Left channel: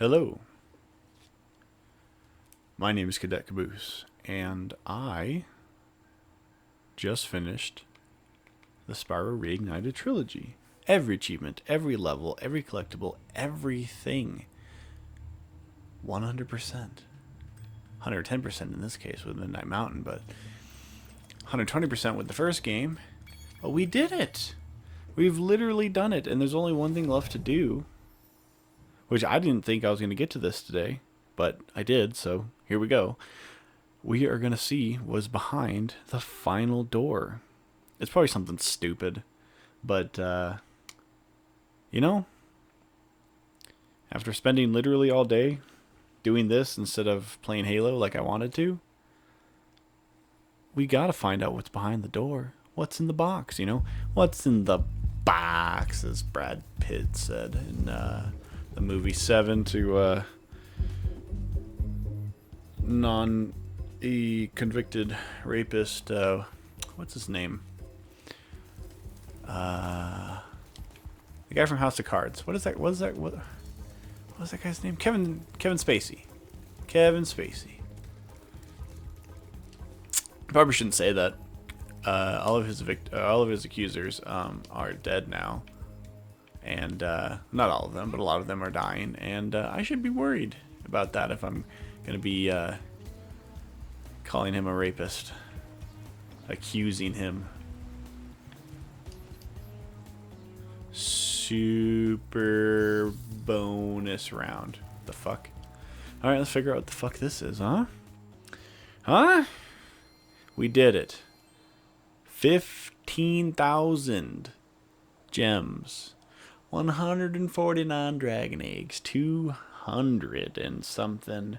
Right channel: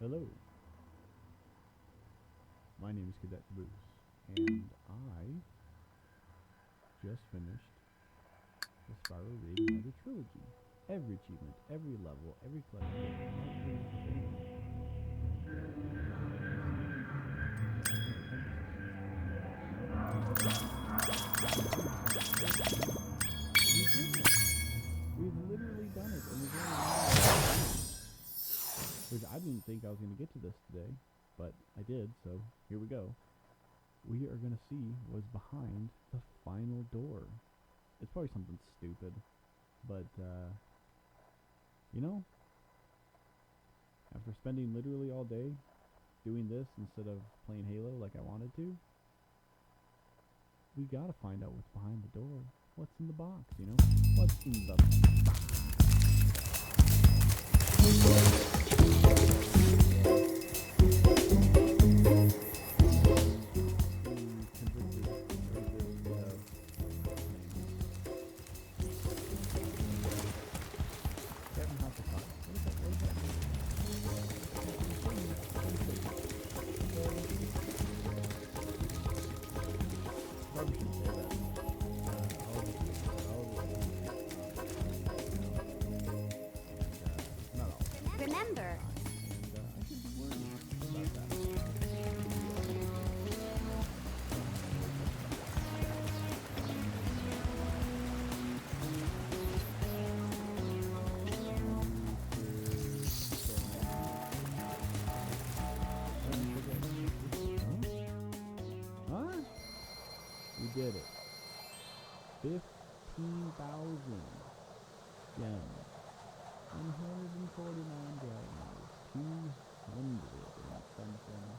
Hello, my name is Cadet Caboose, and I just finished the Spyro Reignited Trilogy. Every achievement, every level, every collectible, everything. 100%. 110% in this case with Midnight Mountain, but 120% with the first game. But we did it! We've literally done it, and there's only one thing left to do. Which I didn't think I was going to get to this today, but I did, so here we go. We are going to see what's behind the final door. It's probably something stupid, but, you know, after spending literally all day doing this instead of playing Halo like I wanted to, we got to find out what's behind the door. What's in the box, you know? What's in the box, as Brad Pitt said in movie 7 to convicted rapist, what's his name? The guy from House of Cards. What is that? What's that guy's name? Kevin Spacey. Kevin Spacey. Probably shouldn't say that. All of his accusers are dead now, and not all of them, but a lot of them are dying. And I should be worried about that if I'm gonna be calling him a rapist, accusing him. Super bonus round. The fuck? All right, let's figure out what the fuck this is, huh? Huh? We did it. 15,000 gems, 149 dragon eggs, 200 and something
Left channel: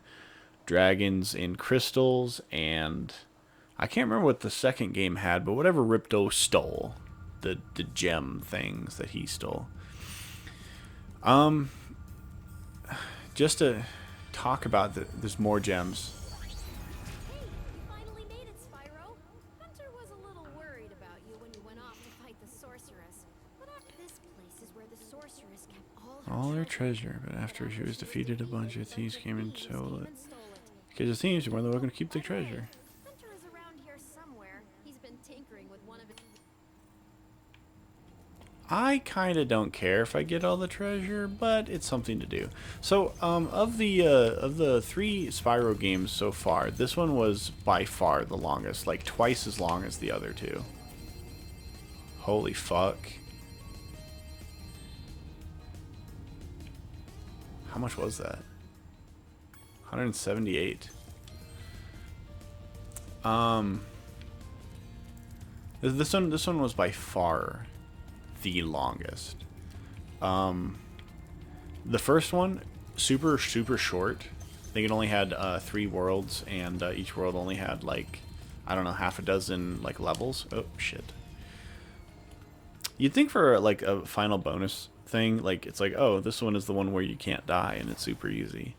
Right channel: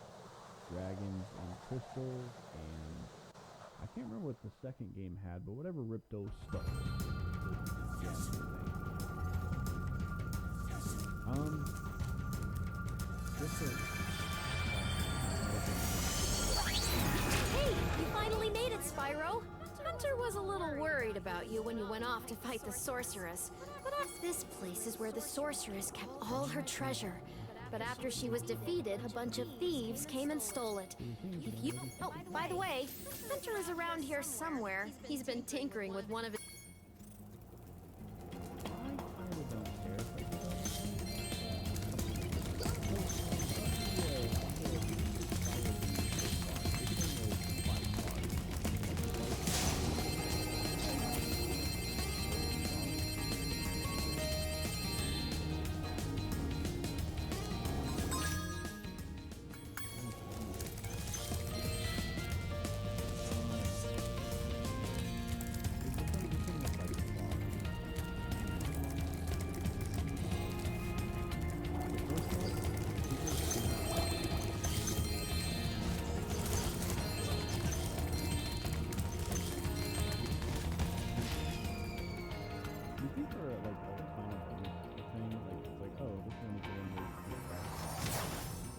dragons in crystals, and I can't remember what the second game had, but whatever Ripto stole, the gem things that he stole. Just to talk about there's more gems. Sorceress. This place is where the sorceress kept All her treasure, but after she was defeated, a bunch of thieves came and stole it. Because the thieves were looking to keep the treasure. By the way, Hunter is around here somewhere. He's been tinkering with one of his... I kind of don't care if I get all the treasure, but it's something to do. So, of the 3 Spyro games so far, this one was by far the longest, like twice as long as the other 2. Holy fuck. How much was that? 178. This one was by far the longest. The first one, super short. I think it only had 3 worlds, and each world only had like, I don't know, half a dozen like levels. Oh shit. You'd think for like a final bonus thing, like it's like, oh, this one is the one where you can't die and it's super easy.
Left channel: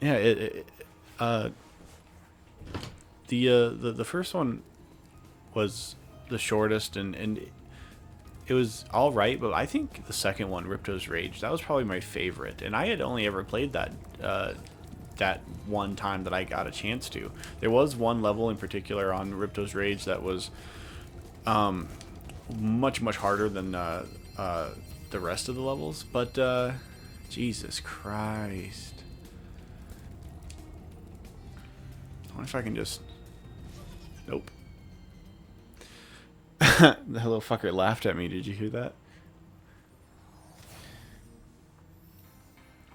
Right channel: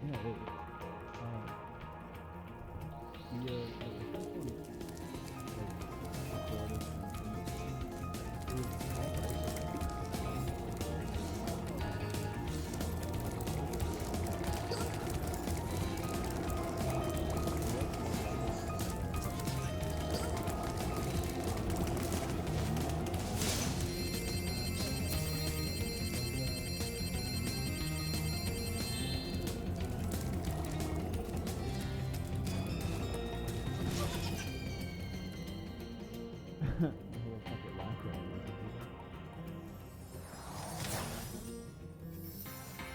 Yeah, the first one was the shortest, and it was all right, but I think the second one, Ripto's Rage, that was probably my favorite, and I had only ever played that that one time that I got a chance to. There was one level in particular on Ripto's Rage that was much harder than the rest of the levels, but Jesus Christ. I wonder if I can just... Nope. The little fucker laughed at me. Did you hear that?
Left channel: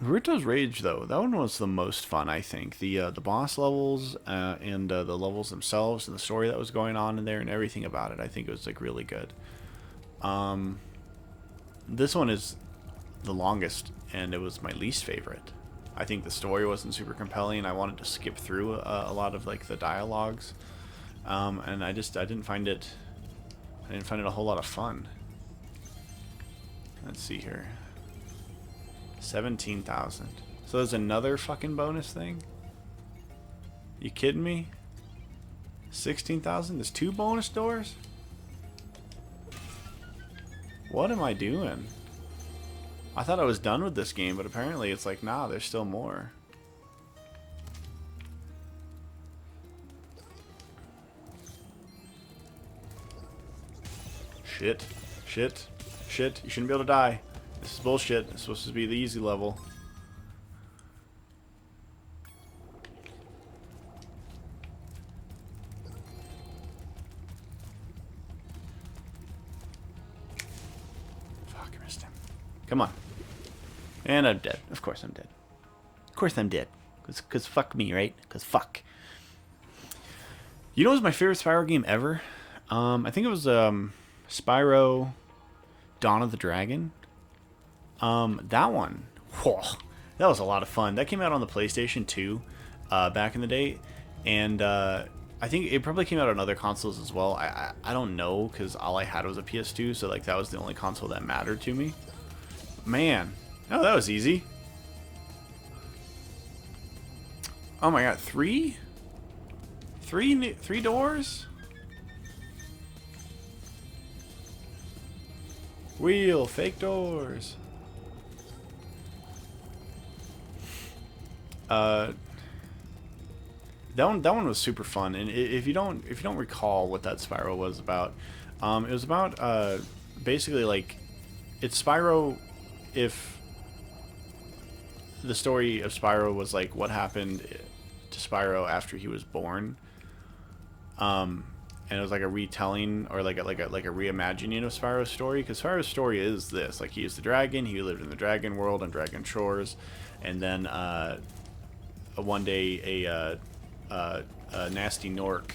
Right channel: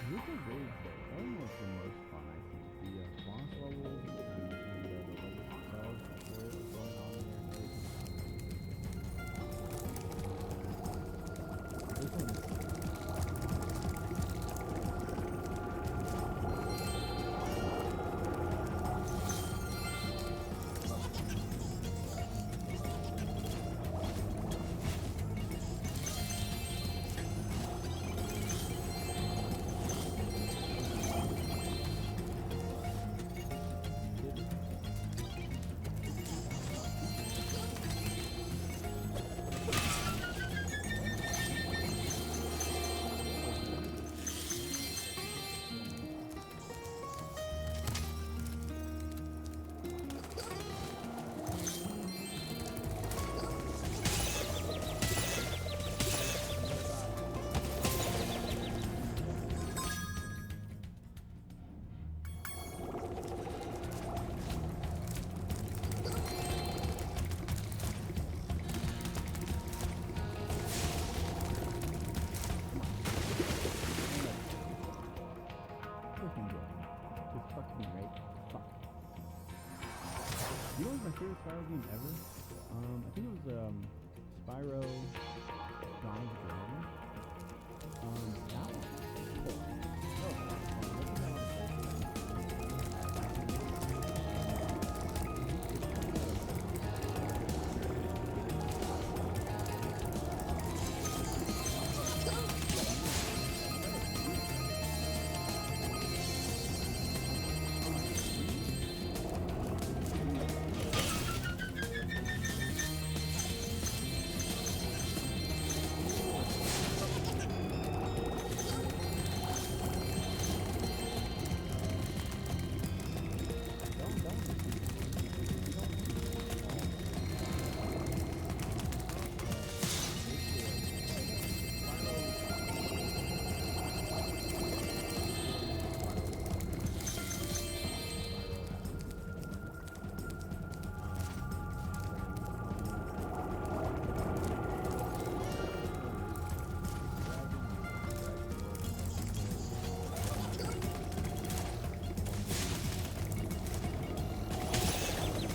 Ripto's Rage, though, that one was the most fun, I think. The boss levels and the levels themselves and the story that was going on in there and everything about it, I think it was like really good. This one is the longest, and it was my least favorite. I think the story wasn't super compelling. I wanted to skip through a lot of like the dialogues, and I didn't find it a whole lot of fun. Let's see here. 17,000. So there's another fucking bonus thing? You kidding me? 16,000? There's 2 bonus doors? What am I doing? I thought I was done with this game, but apparently it's like, nah, there's still more. Shit. Shit. Shit. You shouldn't be able to die. This is bullshit. It's supposed to be the easy level. Come on. And I'm dead. Of course I'm dead. Of course I'm dead. Cause fuck me, right? Cause fuck. You know what was my favorite Spyro game ever? I think it was Spyro Dawn of the Dragon. That one. Whoa, that was a lot of fun. That came out on the PlayStation 2 back in the day. And I think it probably came out on other consoles as well. I don't know, because all I had was a PS2, so like that was the only console that mattered to me. Man, oh, that was easy. Oh my god, three doors? Wheel, fake doors. That one was super fun, and if you don't recall what that Spyro was about, it was about basically like it's Spyro. If the story of Spyro was like what happened to Spyro after he was born, and it was like a retelling or like a reimagining of Spyro's story, because Spyro's story is this: like he is the dragon, he lived in the dragon world on Dragon Shores, and then one day a nasty Nork.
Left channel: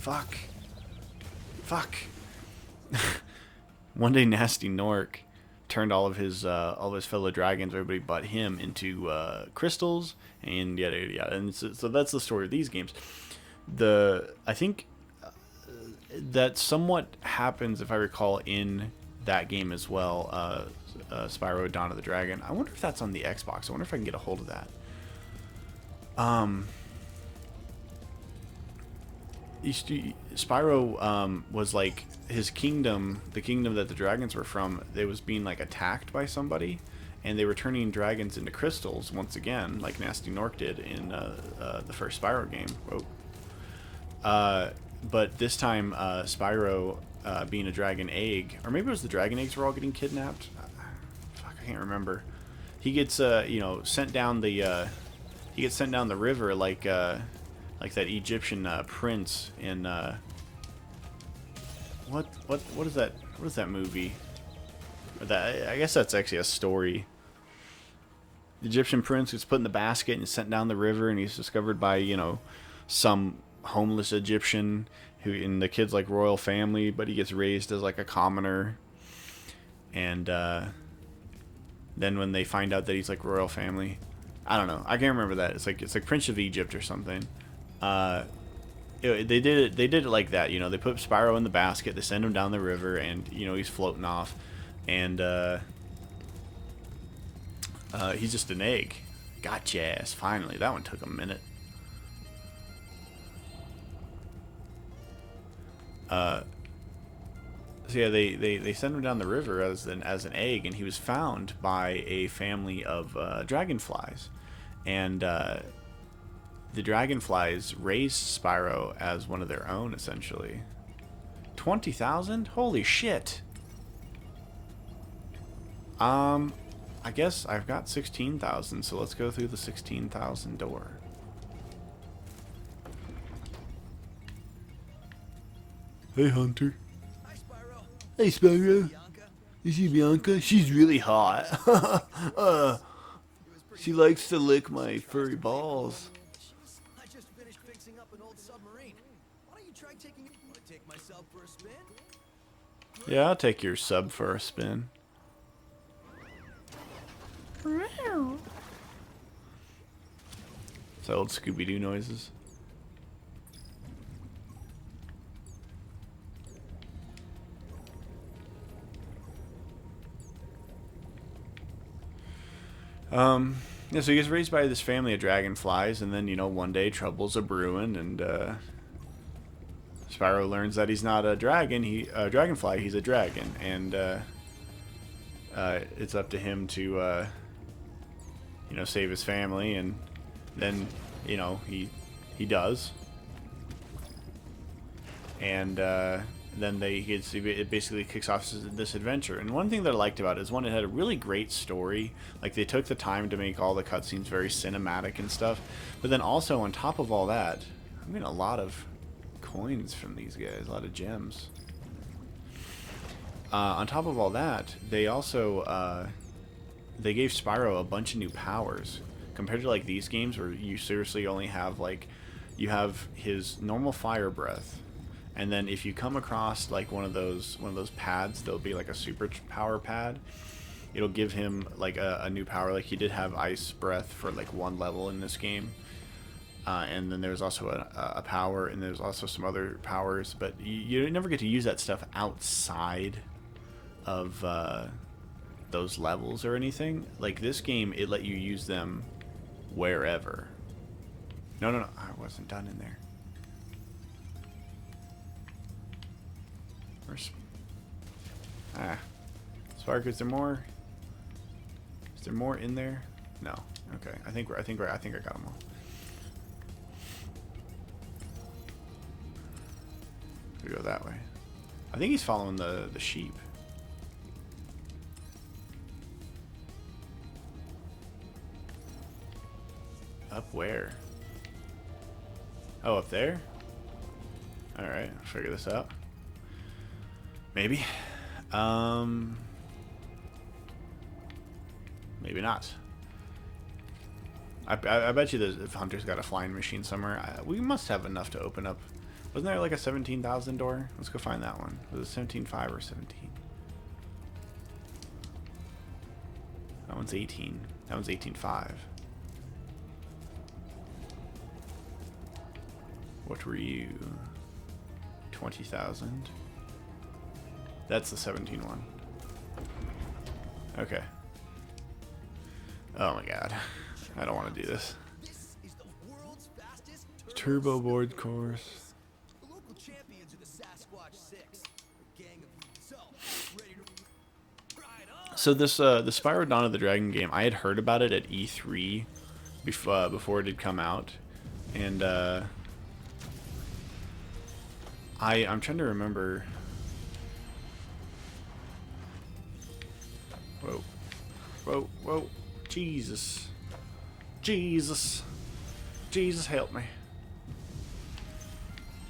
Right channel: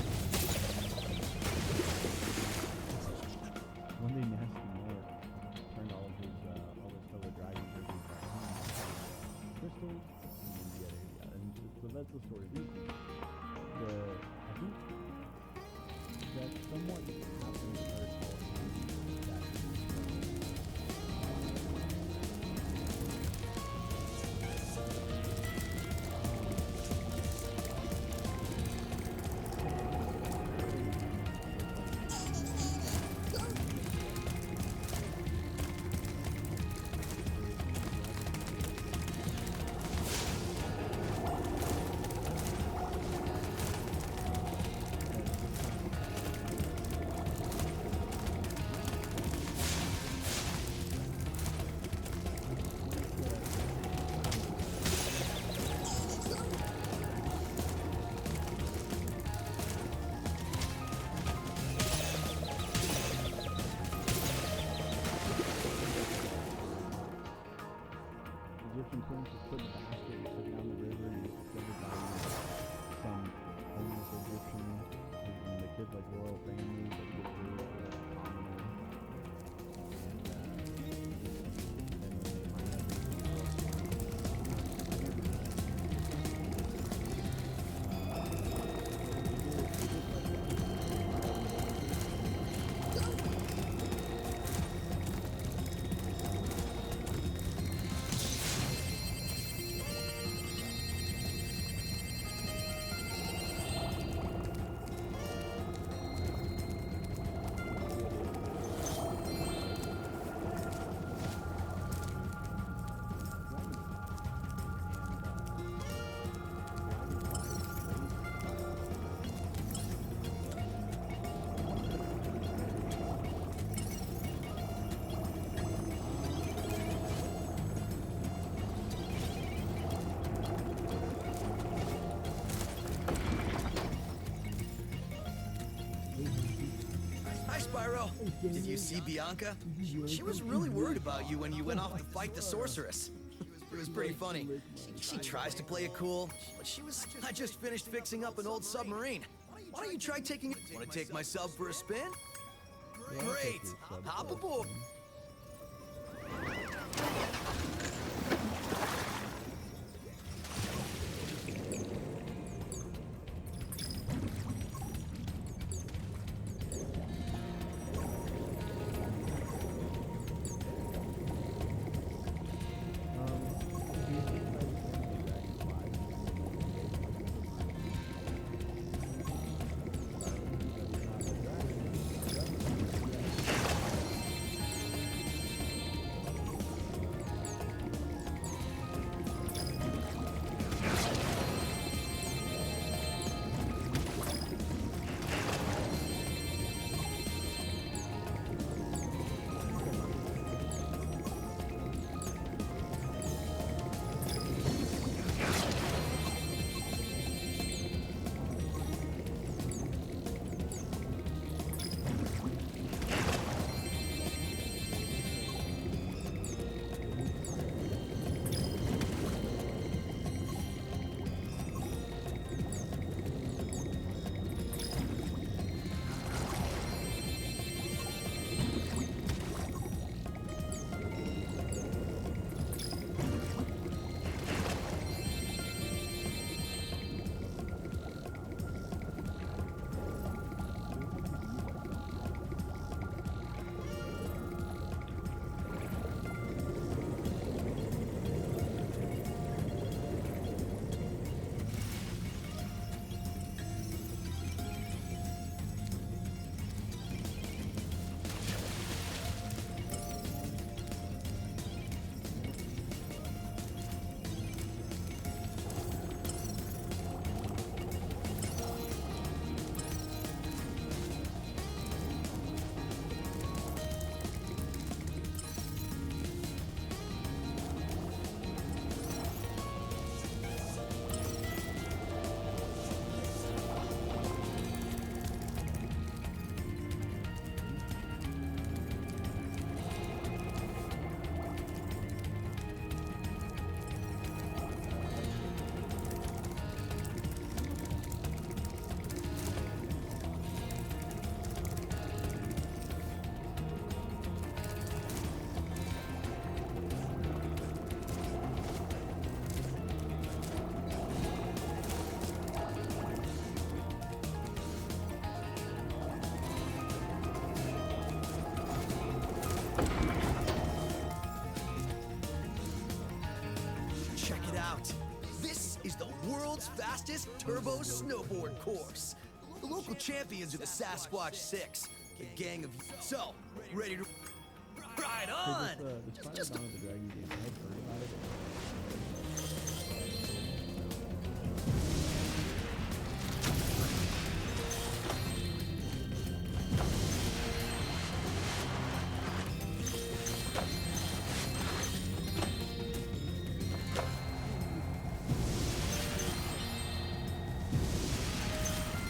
Fuck. One day, nasty Nork turned all of his fellow dragons, everybody but him, into crystals, and yada yada yada. And so that's the story of these games. I think that somewhat happens, if I recall, in that game as well. Spyro Dawn of the Dragon. I wonder if that's on the Xbox. I wonder if I can get a hold of that. Spyro was like his kingdom, the kingdom that the dragons were from. They was being like attacked by somebody, and they were turning dragons into crystals once again, like Nasty Nork did in the first Spyro game. But this time, Spyro, being a dragon egg, or maybe it was the dragon eggs were all getting kidnapped. I can't remember. He gets sent down the river like that Egyptian prince in what is that? What is that movie? I guess that's actually a story. The Egyptian prince gets put in the basket and sent down the river, and he's discovered by some homeless Egyptian who, and the kid's like royal family, but he gets raised as like a commoner, and then when they find out that he's like royal family, I don't know. I can't remember that. It's like Prince of Egypt or something. They did it like that. They put Spyro in the basket, they send him down the river, and he's floating off, and he's just an egg. Gotcha ass. Finally, that one took a minute. So yeah, they sent him down the river as an egg, and he was found by a family of dragonflies, and the dragonflies raised Spyro as one of their own, essentially. 20,000? Holy shit! I guess I've got 16,000, so let's go through the 16,000 door. Hey, Hunter. Hi, Spyro. Hey, Spyro. You see Bianca? You see Bianca? She's really hot. She likes to lick my furry balls. Cool. I just finished fixing up an old submarine. Why don't you try taking it? Want to take my sub for a spin? Yeah, I'll take your sub for a spin. It's old Scooby-Doo noises. Yeah, so he gets raised by this family of dragonflies, and then, one day trouble's a-brewing, and, Spyro learns that he's not a dragonfly, he's a dragon, and, it's up to him to, you know, save his family, and then, you know, he does. And then it basically kicks off this adventure. And one thing that I liked about it is, one, it had a really great story. Like, they took the time to make all the cutscenes very cinematic and stuff. But then also, on top of all that, we made a lot of coins from these guys, a lot of gems. On top of all that, they also they gave Spyro a bunch of new powers compared to like these games where you seriously only have like, you have his normal fire breath, and then if you come across like one of those pads, there'll be like a super power pad. It'll give him like a new power. Like he did have ice breath for like one level in this game. And then there's also a power, and there's also some other powers, but you never get to use that stuff outside of those levels or anything. Like this game, it let you use them wherever. No, I wasn't done in there. Spark, is there more? Is there more in there? No. Okay. I think I got them all. Go that way. I think he's following the sheep. Up where? Oh, up there? Alright, figure this out. Maybe. Maybe not. I bet you the hunter's got a flying machine somewhere. We must have enough to open up. Wasn't there like a 17,000 door? Let's go find that one. Was it 17.5 or 17? That one's 18. That one's 18.5. What were you? 20,000. That's the 17 one. Okay. Oh my god. I don't want to do this. This is the world's fastest turbo board course. The local champions of the Sasquatch 6. Gang of ready to So this the Spyro Dawn of the Dragon game, I had heard about it at E3 before it had come out, and I'm trying to remember. Whoa, Jesus, help me.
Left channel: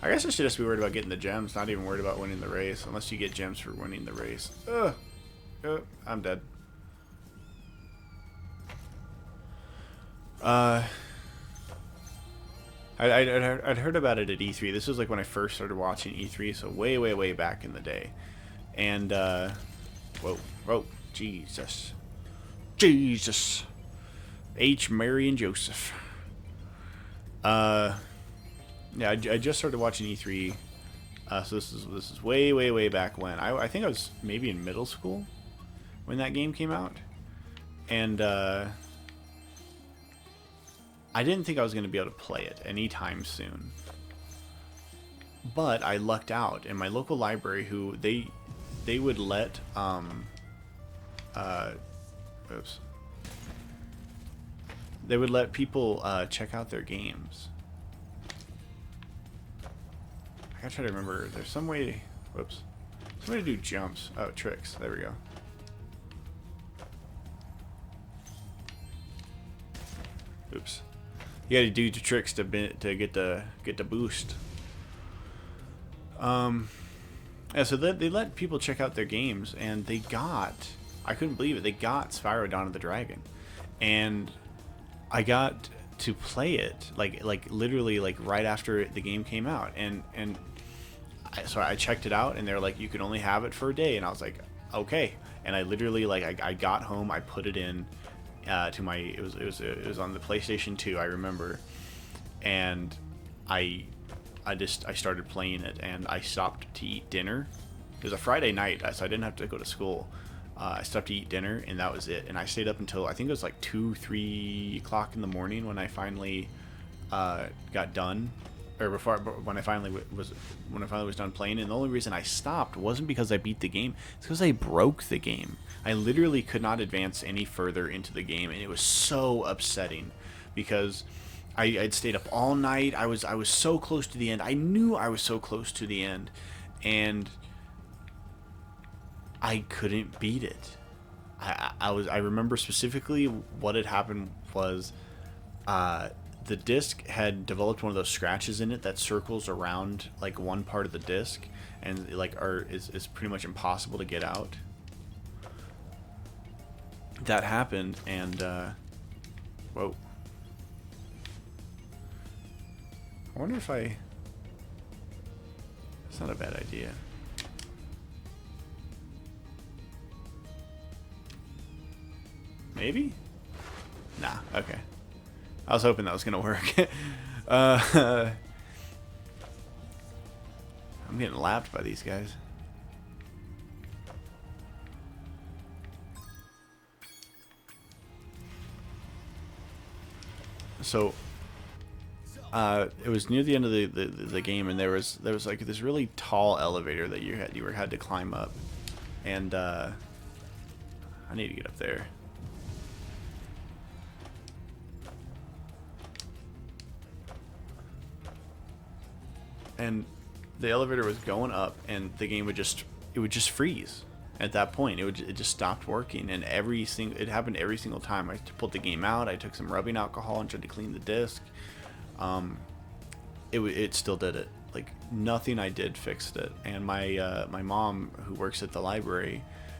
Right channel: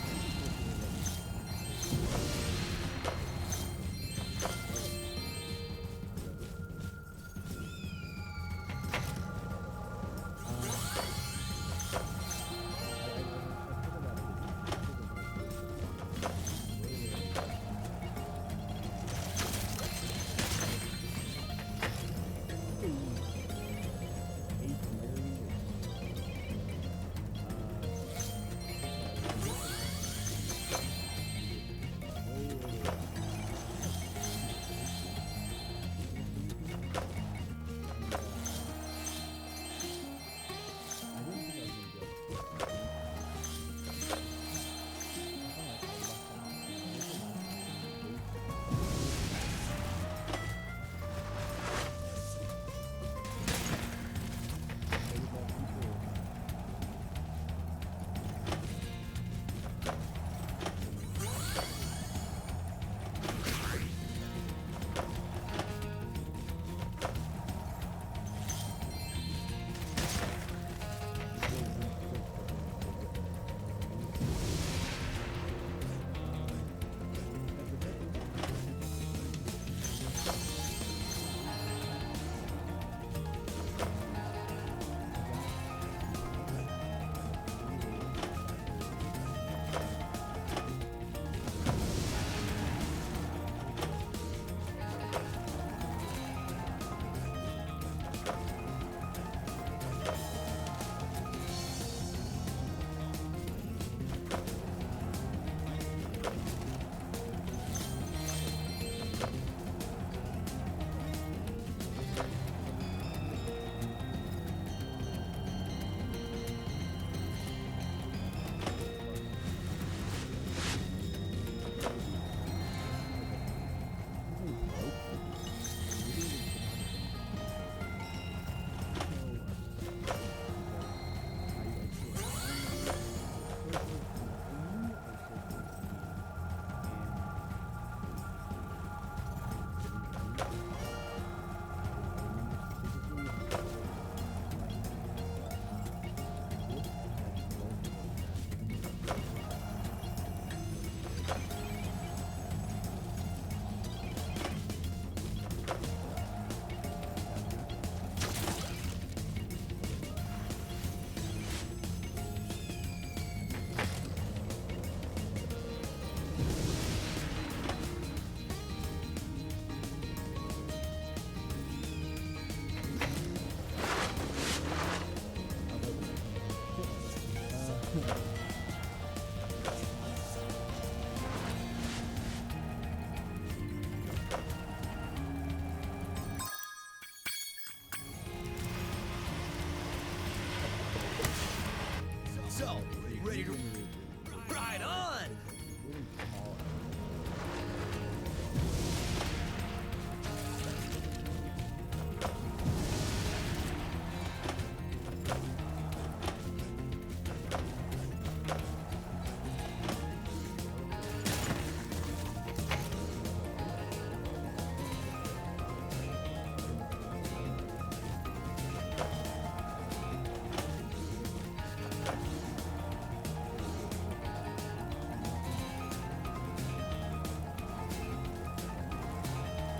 I guess I should just be worried about getting the gems, not even worried about winning the race, unless you get gems for winning the race. I'm dead. I'd heard about it at E3. This was like when I first started watching E3, so way back in the day. And, whoa, Jesus. H, Mary, and Joseph. Yeah, I just started watching E3, so this is way back when. I think I was maybe in middle school when that game came out, and I didn't think I was going to be able to play it anytime soon. But I lucked out in my local library, who they would let they would let people check out their games. I'm trying to remember. There's some way. Whoops. Some way to do jumps. Oh, tricks. There we go. Oops. You gotta do your tricks to get the boost. Yeah. So they let people check out their games, and they got. I couldn't believe it. They got Spyro Dawn of the Dragon, and I got to play it like literally like right after the game came out, and so I checked it out, and they're like, you can only have it for a day, and I was like, okay. And I literally I got home, I put it in to my it was on the PlayStation 2, I remember, and I started playing it, and I stopped to eat dinner. It was a Friday night, so I didn't have to go to school. I stopped to eat dinner, and that was it. And I stayed up until I think it was like 2-3 o'clock in the morning when I finally got done, or when I finally when I finally was done playing. And the only reason I stopped wasn't because I beat the game. It's because I broke the game. I literally could not advance any further into the game, and it was so upsetting because I'd stayed up all night. I was so close to the end. I knew I was so close to the end, and I couldn't beat it. I remember specifically what had happened was the disc had developed one of those scratches in it that circles around like one part of the disc, and like is pretty much impossible to get out. That happened, and whoa. I wonder if it's not a bad idea. Maybe? Nah, okay. I was hoping that was gonna work. I'm getting lapped by these guys. So it was near the end of the game, and there was like this really tall elevator that you had to climb up, and I need to get up there. And the elevator was going up, and the game would just freeze. At that point, it just stopped working, and it happened every single time. I pulled the game out. I took some rubbing alcohol and tried to clean the disc. It still did it. Like nothing I did fixed it. And my mom, who works at the library,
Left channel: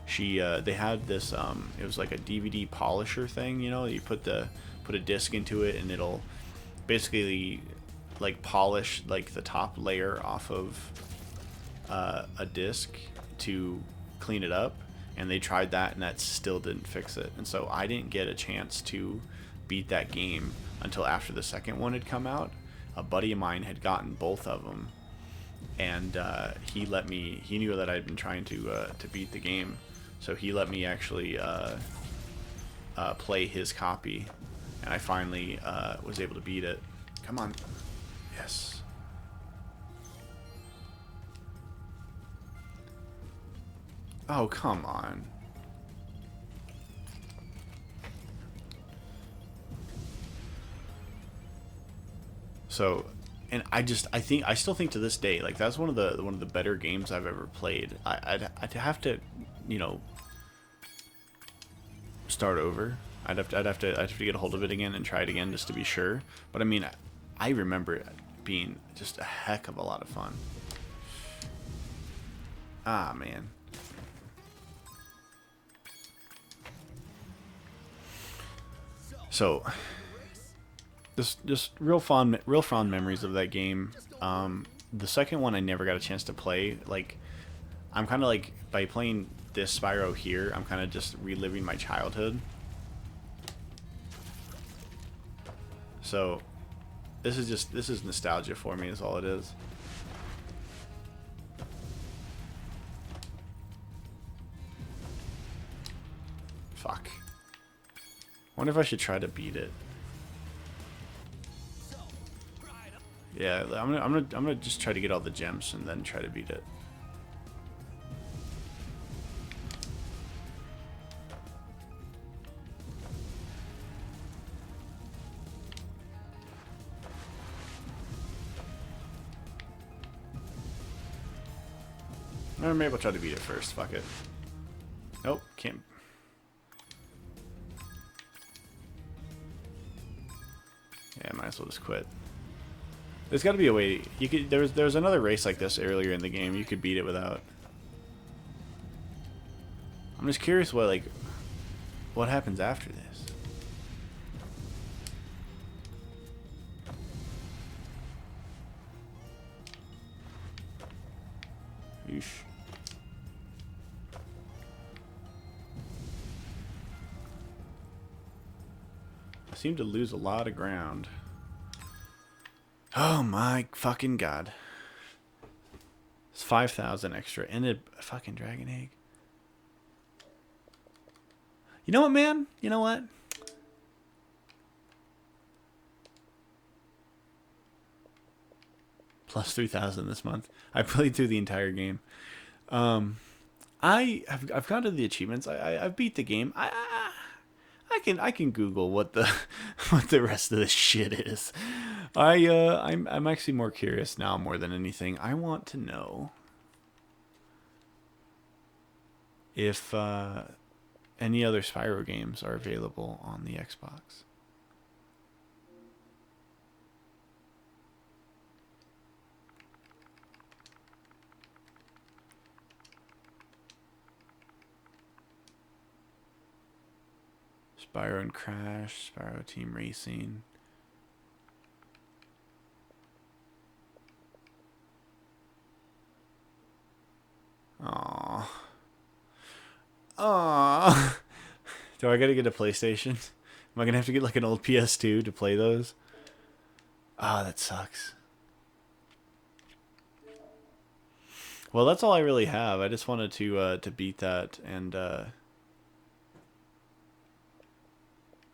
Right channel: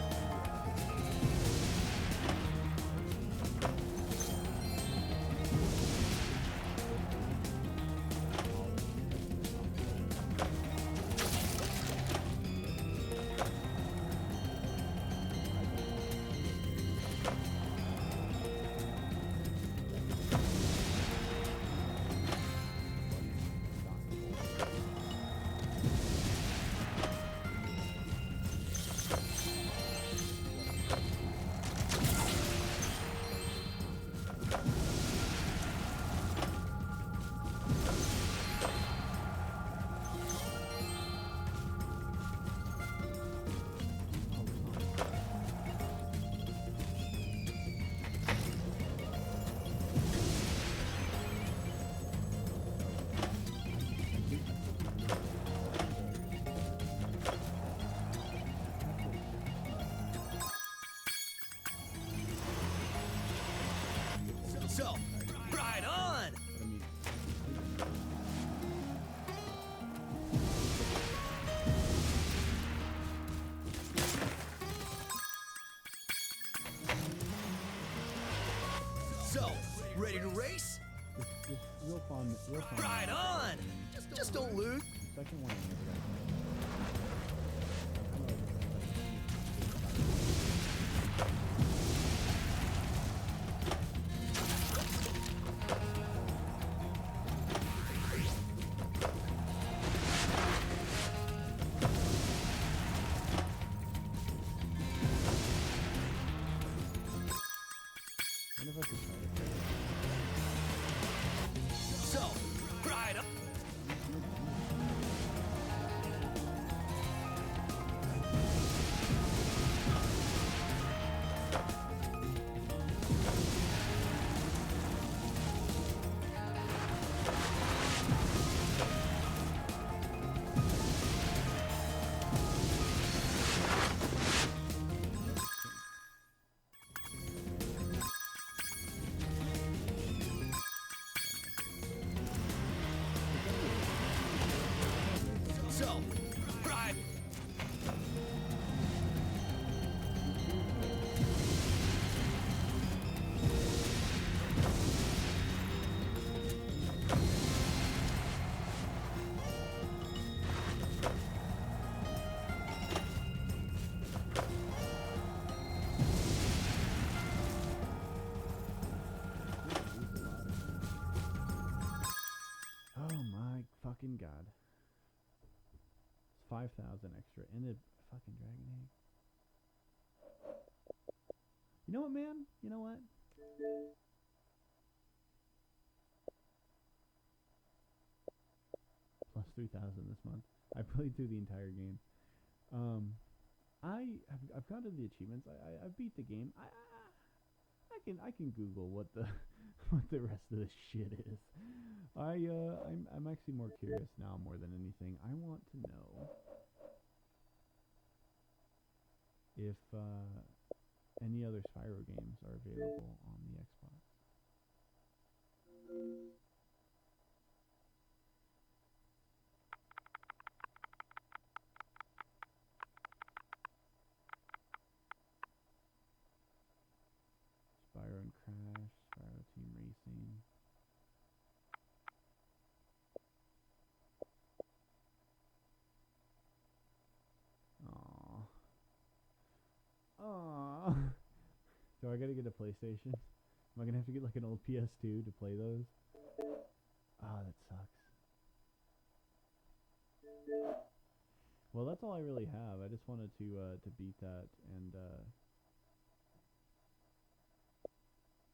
they had this it was like a DVD polisher thing. You know, you put a disc into it, and it'll basically like polish like the top layer off of a disc to clean it up, and they tried that, and that still didn't fix it. And so I didn't get a chance to beat that game until after the second one had come out. A buddy of mine had gotten both of them, and he knew that I'd been trying to beat the game, so he let me actually play his copy, and I finally was able to beat it. Come on. Yes. Oh, come on. So, and I still think to this day, like that's one of the better games I've ever played. I'd have to, you know, start over. I'd have to get a hold of it again and try it again just to be sure. But I mean, I remember it being just a heck of a lot of fun. Ah, man. So, just real fond memories of that game. The second one I never got a chance to play. Like, I'm kind of like, by playing this Spyro here, I'm kind of just reliving my childhood. So, this is nostalgia for me, is all it is. Fuck. Wonder if I should try to beat it. Yeah, I'm gonna just try to get all the gems and then try to beat it. Or maybe I'll try to beat it first. Fuck it. Nope, can't. Yeah, might as well just quit. There's got to be a way. You could. There's another race like this earlier in the game. You could beat it without. I'm just curious what happens after this. Yeesh. I seem to lose a lot of ground. Oh my fucking god. It's 5,000 extra and a fucking dragon egg. You know what, man? You know what? Plus 3,000 this month. I played through the entire game. I've gone to the achievements. I've beat the game. I can Google what the what the rest of this shit is. I'm actually more curious now more than anything. I want to know if any other Spyro games are available on the Xbox. Spyro and Crash, Spyro Team Racing. Aww. Aww. Do I gotta get a PlayStation? Am I gonna have to get like an old PS2 to play those? Ah, that sucks. Well, that's all I really have. I just wanted to beat that and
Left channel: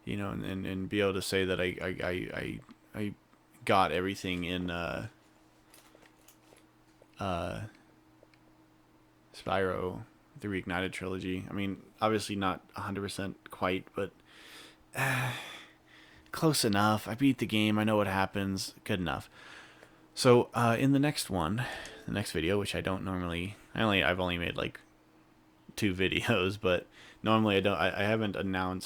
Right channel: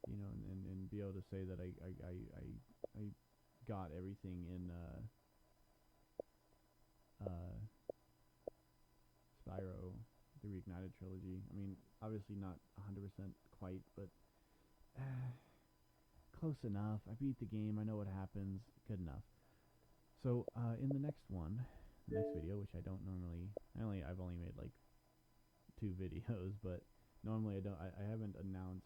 you know, and be able to say that I got everything in Spyro, the Reignited trilogy. I mean, obviously not 100% quite, but close enough. I beat the game. I know what happens. Good enough. So in the next one, the next video, which I don't normally, I've only made like 2 videos, but normally I haven't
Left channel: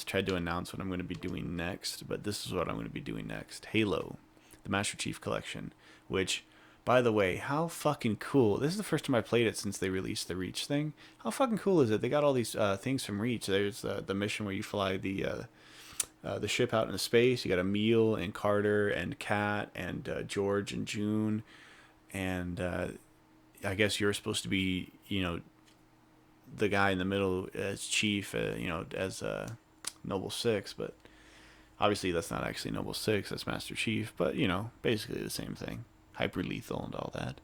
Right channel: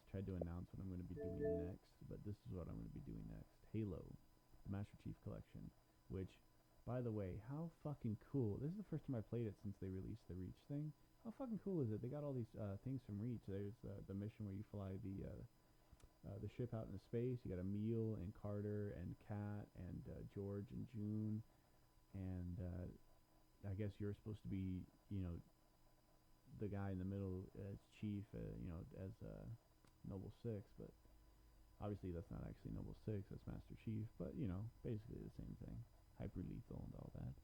tried to announce what I'm going to be doing next, but this is what I'm going to be doing next. Halo, the Master Chief Collection, which, by the way, how fucking cool. This is the first time I played it since they released the Reach thing. How fucking cool is it? They got all these things from Reach. There's the mission where you fly the ship out into space. You got Emil and Carter and Kat and George and June, and I guess you're supposed to be, you know, the guy in the middle as Chief, you know, as Noble Six, but obviously that's not actually Noble Six. That's Master Chief, but you know, basically the same thing. Hyper lethal and all that.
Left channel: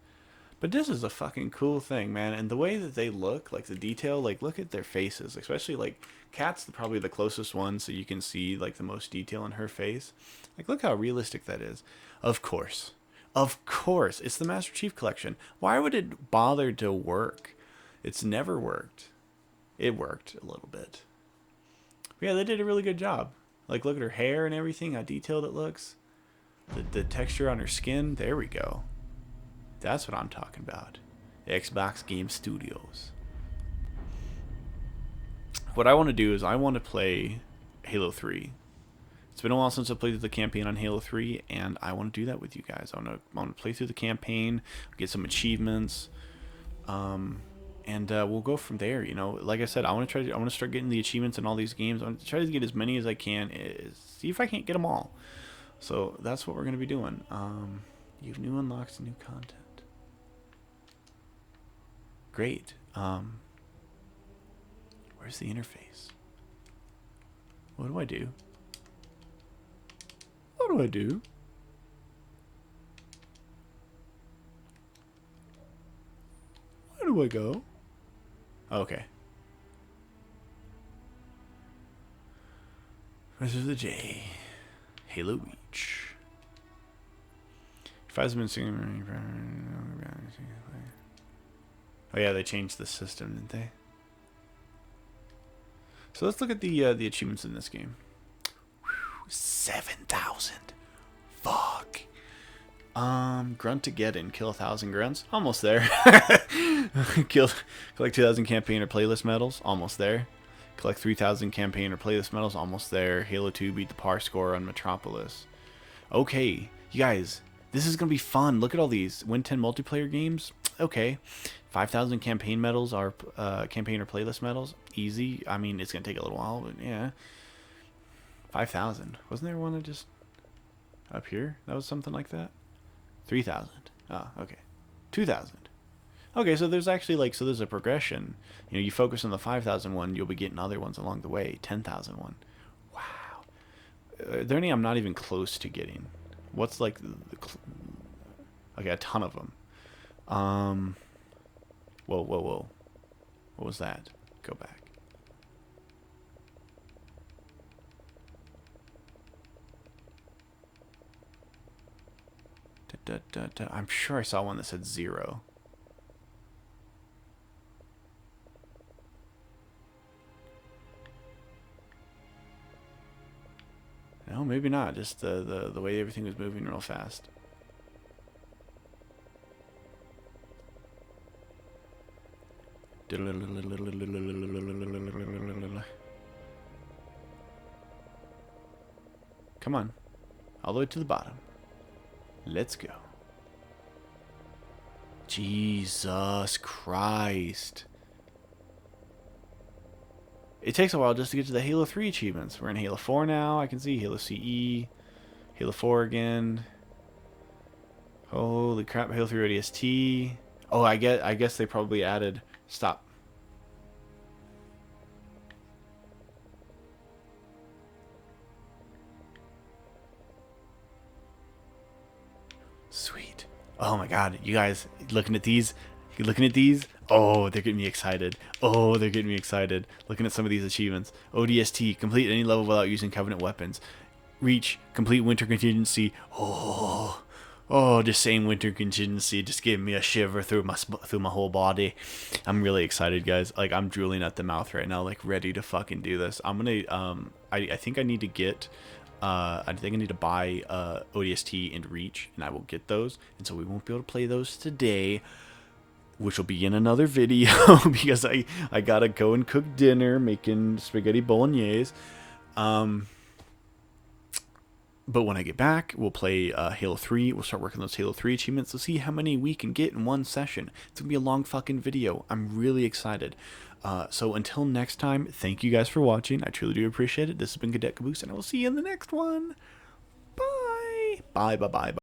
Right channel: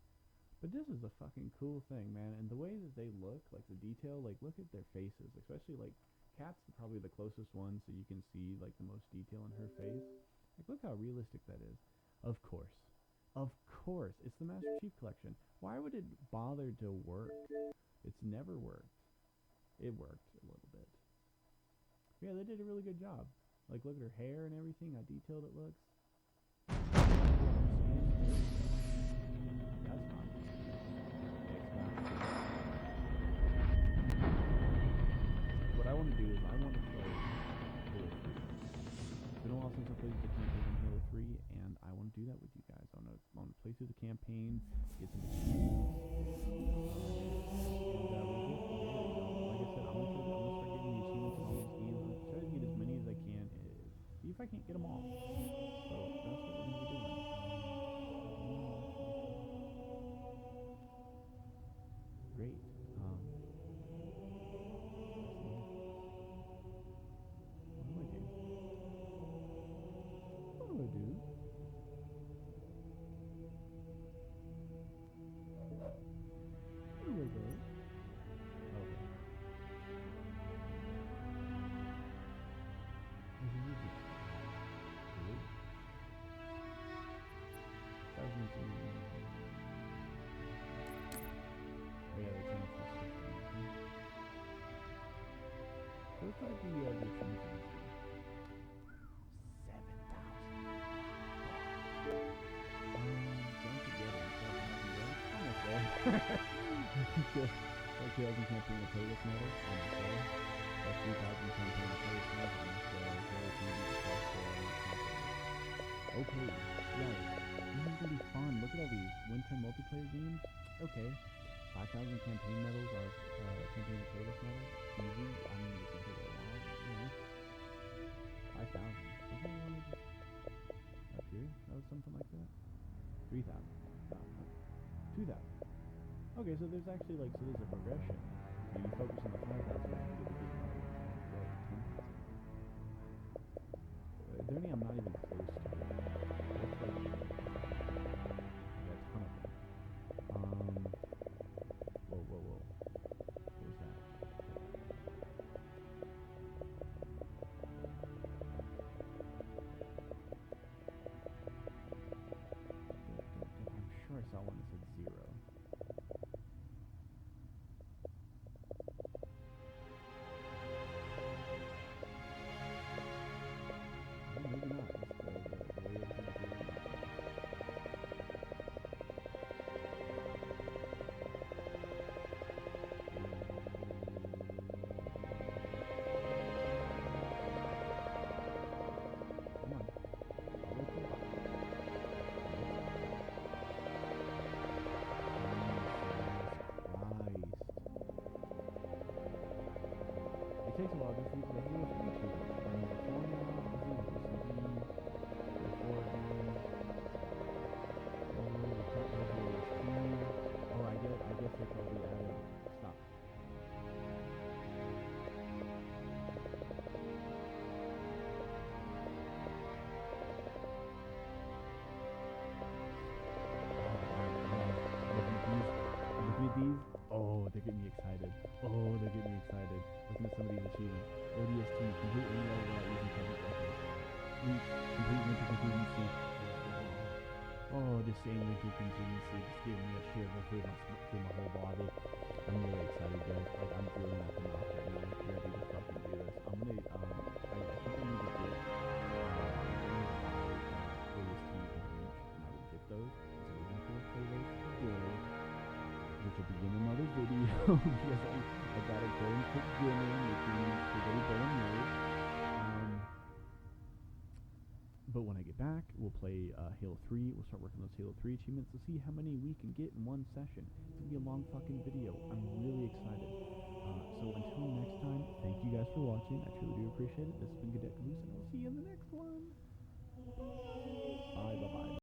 But this is a fucking cool thing, man, and the way that they look, like the detail, like look at their faces, especially like Kat's probably the closest one, so you can see like the most detail in her face. Like, look how realistic that is. Of course, it's the Master Chief Collection. Why would it bother to work? It's never worked. It worked a little bit. But yeah, they did a really good job. Like, look at her hair and everything, how detailed it looks. The texture on her skin. There we go. That's what I'm talking about. Xbox Game Studios. What I want to do is I want to play Halo 3. It's been a while since I played the campaign on Halo 3, and I want to do that with you guys. I want to play through the campaign, get some achievements, and we'll go from there. You know, like I said, I want to start getting the achievements in all these games. I want to try to get as many as I can. See if I can't get them all. So that's what we're going to be doing. You have new unlocks and new content. Great. Where's the interface? What do I do? What do I do? Where do I go? Okay. Press the J. Halo Reach. If I was been singing. Oh yeah, they changed the system, didn't they? So let's look at the achievements in this game. 7,000. Fuck. Grunt-to-get-in. Kill 1,000 grunts. Almost there. Collect 2,000 campaign or playlist medals. Almost there. Collect 3,000 campaign or playlist medals. Almost there. Halo 2 beat the par score on Metropolis. Okay, you guys, this is gonna be fun. Look at all these. Win 10 multiplayer games. Okay. 5,000 campaign medals are campaign or playlist medals. Easy. I mean, it's gonna take a little while, but yeah. 5,000. Wasn't there one that just up here? That was something like that. 3,000. Ah, okay. 2,000. Okay, so there's actually like, so there's a progression. You know, you focus on the 5,000 one, you'll be getting other ones along the way. 10,000 one. Wow. Are there any I'm not even close to getting? What's like? Okay, a ton of them. Whoa. What was that? Go back. I'm sure I saw one that said 0. Oh, maybe not. Just the way everything was moving real fast. Come on. All the way to the bottom. Let's go. Jesus Christ. It takes a while just to get to the Halo 3 achievements. We're in Halo 4 now. I can see Halo CE. Halo 4 again. Holy crap. Halo 3 ODST. Oh, I guess they probably added... Stop. Sweet. Oh my god, you guys looking at these? You looking at these? Oh, they're getting me excited. Oh, they're getting me excited. Looking at some of these achievements. ODST, complete any level without using Covenant weapons. Reach, complete winter contingency. Oh, just saying winter contingency just gave me a shiver through my whole body. I'm really excited, guys. Like, I'm drooling at the mouth right now, like ready to fucking do this. I'm gonna I think I need to get I think I need to buy ODST and Reach, and I will get those. And so we won't be able to play those today, which will be in another video because I gotta go and cook dinner, making spaghetti bolognese. But when I get back, we'll play Halo 3. We'll start working those Halo 3 achievements to see how many we can get in one session. It's going to be a long fucking video. I'm really excited. So until next time, thank you guys for watching. I truly do appreciate it. This has been Cadet Caboose, and I will see you in the next one. Bye. Bye, bye, bye, bye.